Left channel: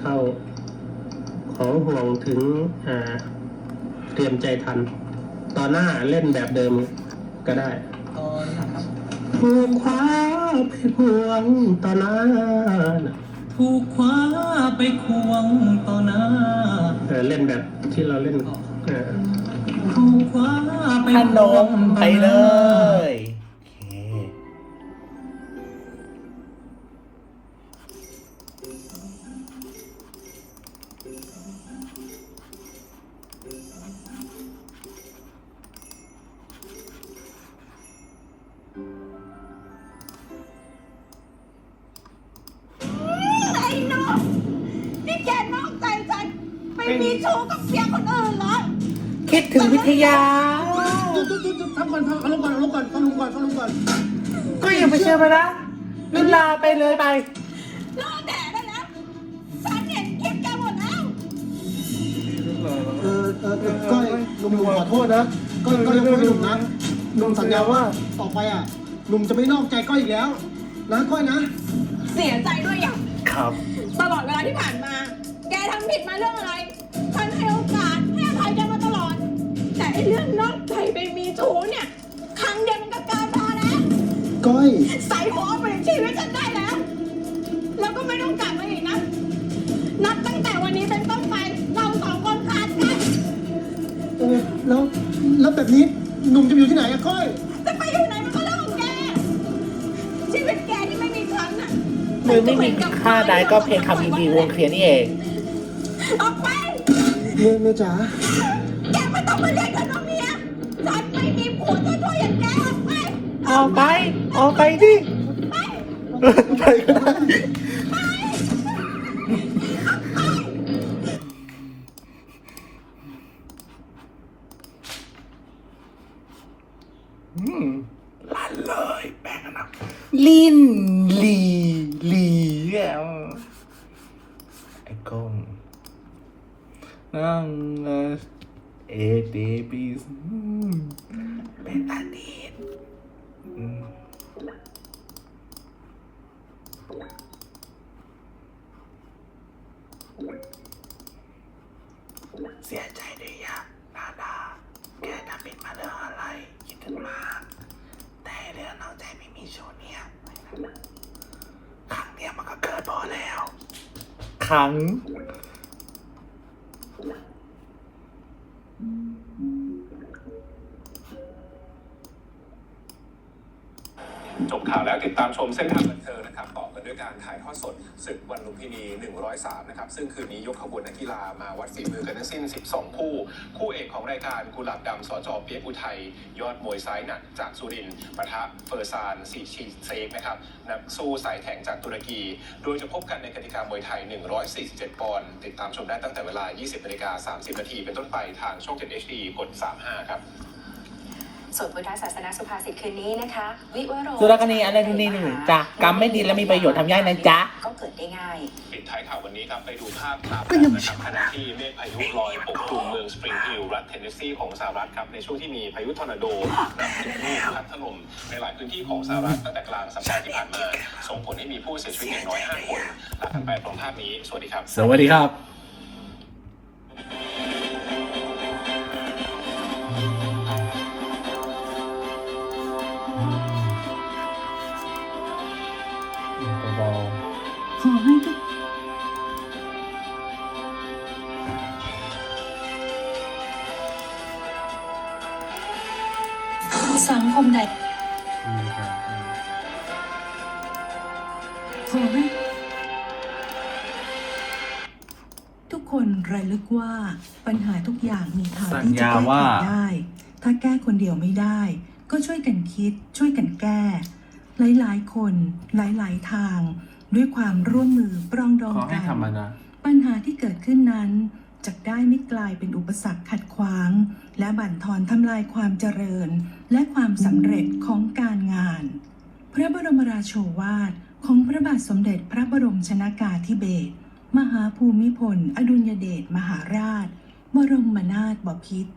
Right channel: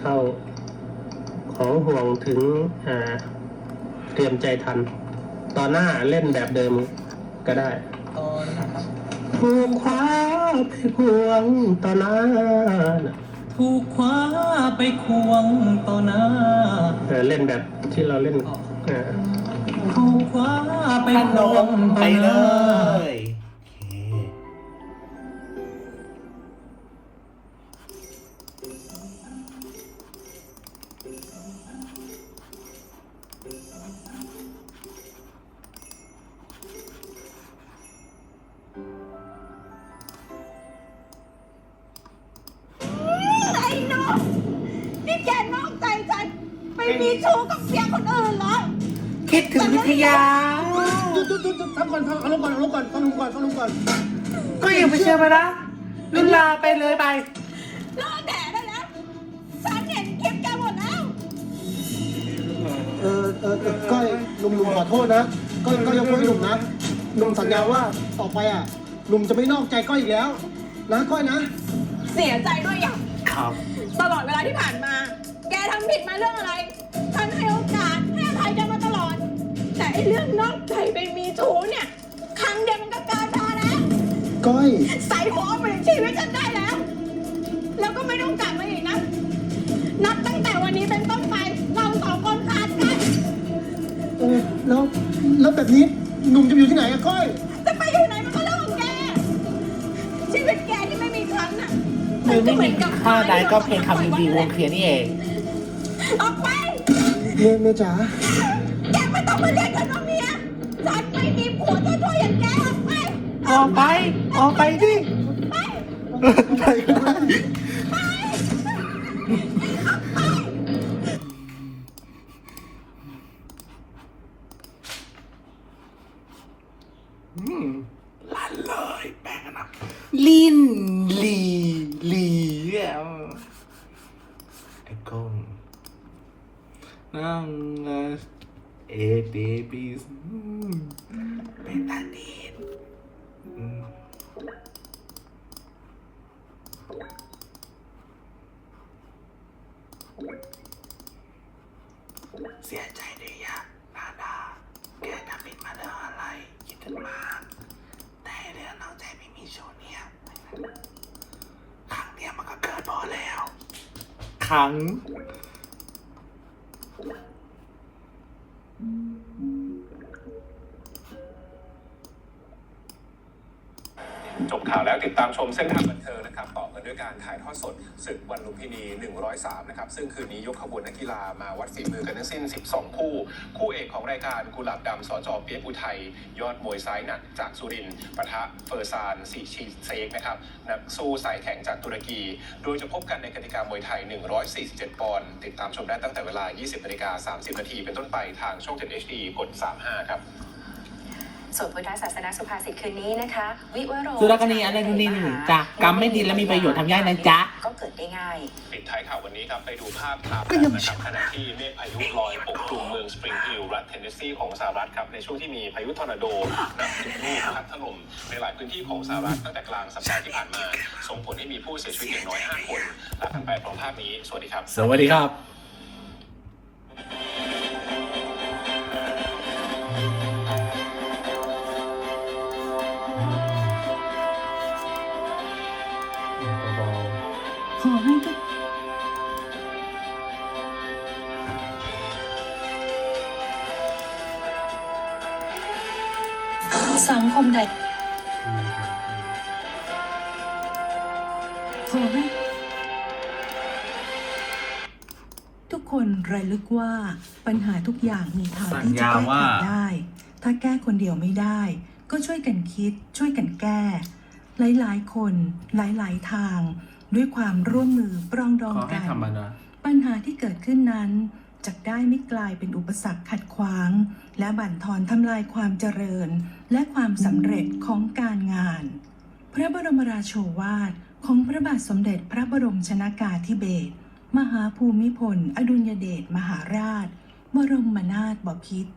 เข้าของห่วงถึงอ่าเตรียมใจทัน ตอนหน้าเล่นแบบเดิมก็ได้ตอนนะครับถูกคว้าไปพวงตอนหน้าถูกคว้าไปควงต่อหน้าเออเล่นแบบที่เราเล่นเออถูกคว้าไปขคนวงมต่อไปหเลน้าย ไปมีชู้กับเสียคนอื่นเหรอคิดถึงวิทยา จุดจุดจุดทำก่อนฟังอารมณ์ก่อนอารมณ์ก่อนฟังอารมณ์ก่อนฟังอารมณ์ก่อนก็ยังไม่เชื่อไปนะลินลาไปเลยไปเลิกแดดได้แล้ว ฉันเห็นคลิปแกหมดแล้วเออเออเออก้อยหนุ่มหนุ่มขอโทษนะก้อยก้อยยกโทษให้หนุ่มนะหนุ่มสัญญาว่าต่อไปอะหนุ่มจะไม่นอกใจก้อยอีกแล้ว นะก้อยนะ เสียใจด้วยอย่างครับ ตลอดเวลาที่ผ่านมาแก ทำผิดมาเรื่องอะไรฉันให้โอกาสให้อภัยแกมาตลอด แต่ไอ้เรื่องนอกใจไปมีชู้เนี่ย ครั้งเดียวมันก็เกินพอแล้วก้อย ใส่หัวไปชีวิตฉันได้แล้ว แล้วก็ไม่ต้องกลับมาอีกนะ นับตั้งแต่วันนี้เป็นต้นไป เราสองคนขาดกัน เออแล้วแล้วแบบนี้หนุ่มจะไปอยู่ที่ไหนอะก้อย จะไปอยู่ไหนมันก็เรื่องของแก ชีวิตแกที่ไม่มีฉันน่ะคือไม่มีค่าใดก็เพียงคำดีๆวงเคลียร์นี่เอง ออกไป เมียเมียจ๋าแกไม่ต้องมาเรียกฉันว่าเมียฉันไม่มีผัวจ้าชู้อย่างแกออกไป ออกไปออกไปดิไป ไปก็ได้อืมลั่นเลยแป้งนะลินลีลีอะไอ้กง นั่งนะเอเบบีสเป็นตาดีนอืมเสียใจด้วยยะนาดาแกทำผิดมาเรื่องอะไรคิดถึงมากแต่เรื่องนอกใจไม่มีชูเนี่ยครั้งเดียวมันก็เกิดพอแล้ว ครั้ง จบข่าวแล้วติดตามชมเส้นทางบันเทิงนะครับต่อกันด้วยการถ่ายทอดสดศึกวันลุมพินี 103 นะครับ ซึ่งคืนนี้ยกขบวนนักกีฬามาวัดฝีมือกันทั้งสิ้น 12 คู่ คู่เอกของรายการกุหลาบดำสจอเปียกอุทัยยอดมวยซ้ายหนักจากสุรินทร์ปะทะเฟอร์ซานสีชีเซกนะครับนักสู้สายแข็งจากตุรกี โดยจะพบกันในกติกามวยไทย 147 ปอนด์ติดตามชมได้ตั้งแต่เวลา 20นาฬิกา30นาทีเป็นต้นไปทางช่อง 7 HD กด 35 ครับ ส่วนพุทธศาสนาสุภาษิตคืนนี้นะคะ วิวโรสุรคณีอะไรทุนี่หนึ่งจ้ะกรรมไม่ดีและมีประโยชน์ทำยากนะจ๊ะ ก็เกิดได้ง่าย ปิดท้ายข่าววันนี้ครับไปดูภาพครับนะครับขณะที่เมฆพายุลอยปกคลุมเมืองสปริงฮิลรัฐเทนเนสซีของสหรัฐครับในช่วงที่มีพายุทอร์นาโดนับสิบลูกพัดถล่มในหลายพื้นที่ของสหรัฐตั้งแต่กลางสัปดาห์ที่ผ่านมา ส่งผลให้มีผู้เสียชีวิตอย่างน้อย5คนลากันไปพร้อมภาพนี้สวัสดีครับ สวัสดีครับ ขอให้ทุกสังคมใดขอให้ทุกคนระลึกว่าปัญหาทุกอย่างมีทางที่จะแก้ไขได้ ถ้าแก้คนเดียวไม่ได้ ก็ช่วยกันคิด ช่วยกันแก้ หลายๆ คนหลาย ๆ ทาง ด้วยความร่วมมือปรองดองกันปัญหาที่เกิดขึ้นนั้นจะได้ไม่กลายเป็นอุปสรรคขัดขวาง และบั่นทอนทำลายความเจริญ และความสำเร็จของการงาน พระบรมราโชวาทของพระบาทสมเด็จพระบรมชนากาธิเบศรมหาภูมิพล อดุลยเดชมหาราช บรมนาถบพิตร